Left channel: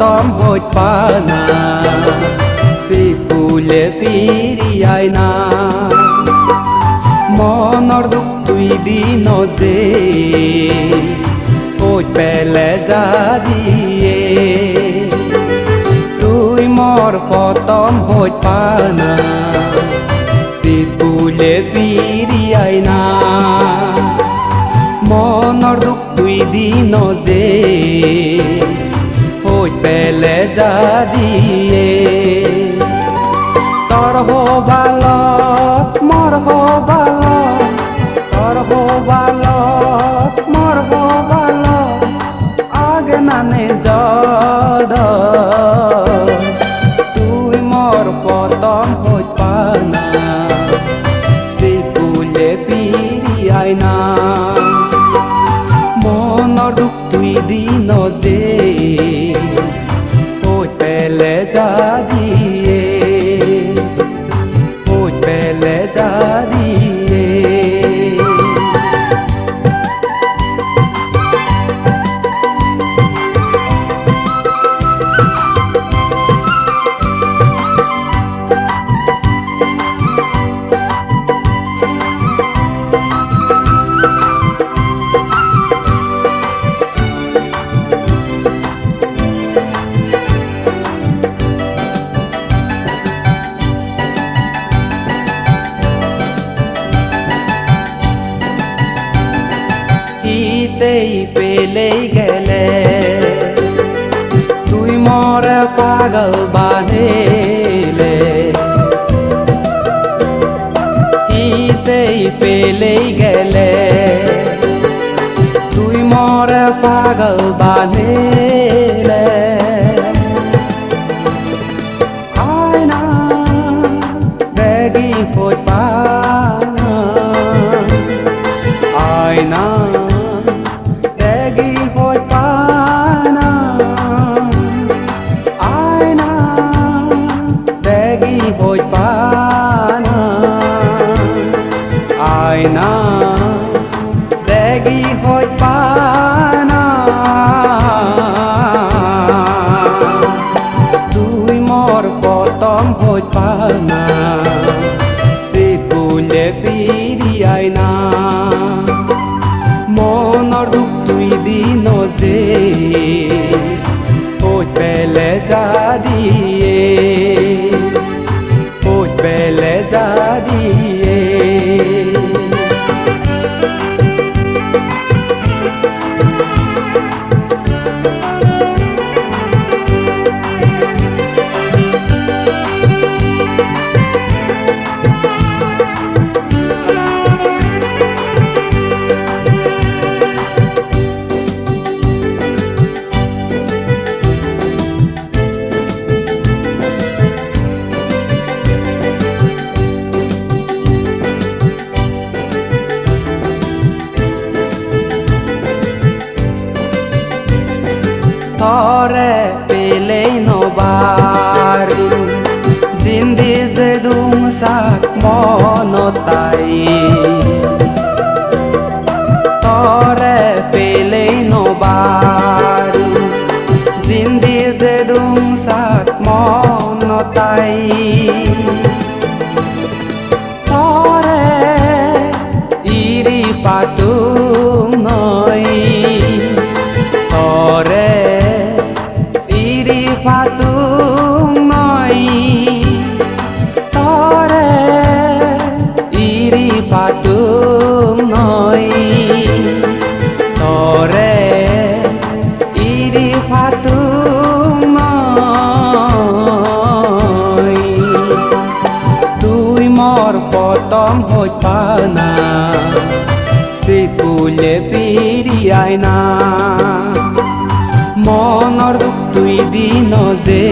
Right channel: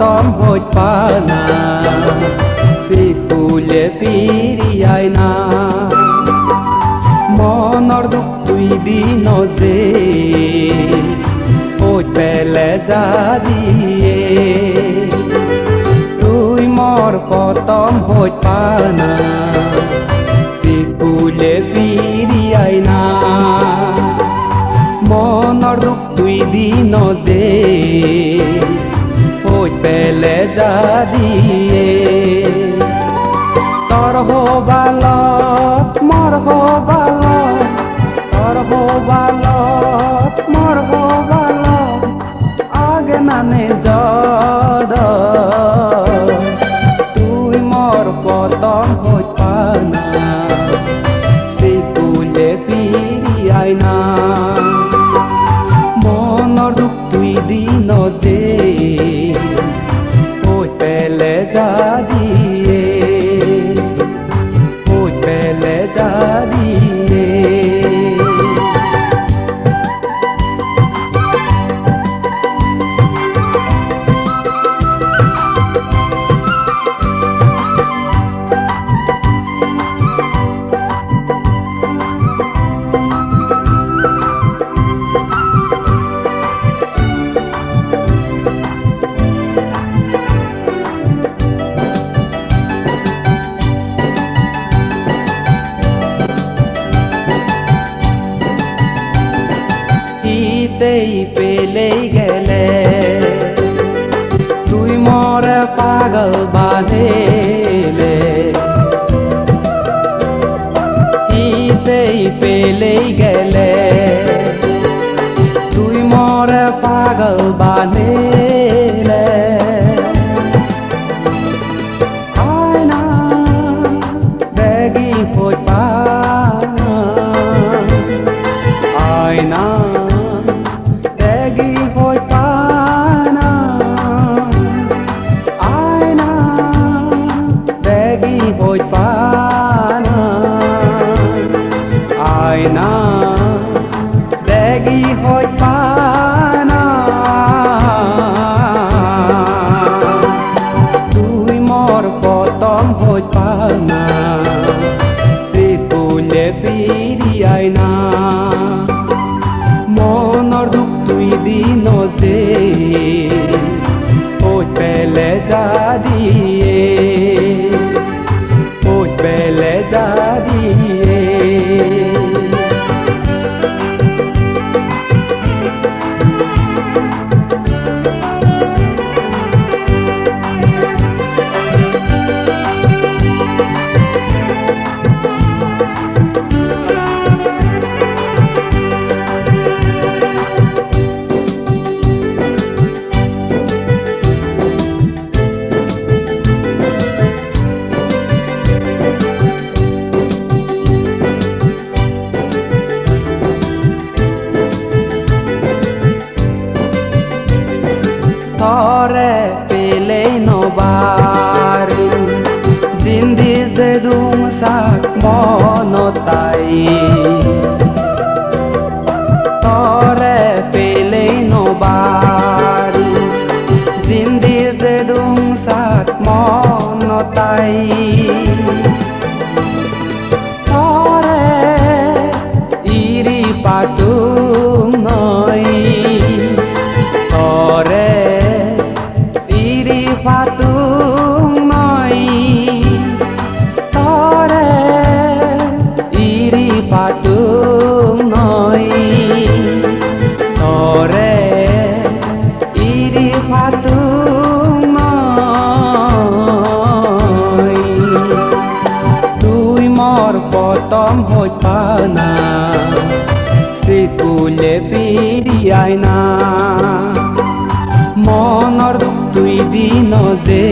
পতম হইত পানা সিকুলে পিরিয়াই না মনৰ দুখ তুই দিন যে ওই পেলে যা দিয়ে তুই মোর পতম হইত পানা সিকুলে পিরিয়াই না মনৰ দুখ তুই দিন যে ওই পেলে যা দিয়ে তোর হবালত মোর হবালত তোর হবালত মোর হবালত আগে মানে যদ তুই মোর পতম হইত পানা সিকুলে পিরিয়াই না মনৰ দুখ তুই দিন যে ওই পেলে যা দিয়ে ওই পেলে যা দিয়ে ইতেই পেলেই গেলে তুই মোর পাগল বাঁধিলে ইতেই পেলেই গেলে তুই মোর পাগল বাঁধিলে আয়না বেগি হইত পানা আয়না হইত পানা আয়না বেগি হইত পানা তুই মোর পতম হইত পানা সিকুলে পিরিয়াই না মনৰ দুখ তুই দিন যে ওই পেলে যা দিয়ে ওই পেলে যা দিয়ে তরে পেলেই নবাৰু জিন্দি যে দুম চাক মনতাই তরে পেলেই নবাৰু জিন্দি যে দুম চাক মনতাই তরে ইৰি পাতুম নই তরে ইরি পাতুম নই তরে ইরি পাতুম নই তরে ইরি পাতুম নই তুই মোর পতম হইত পানা সিকুলে পিরিয়াই না মনৰ দুখ তুই দিন যে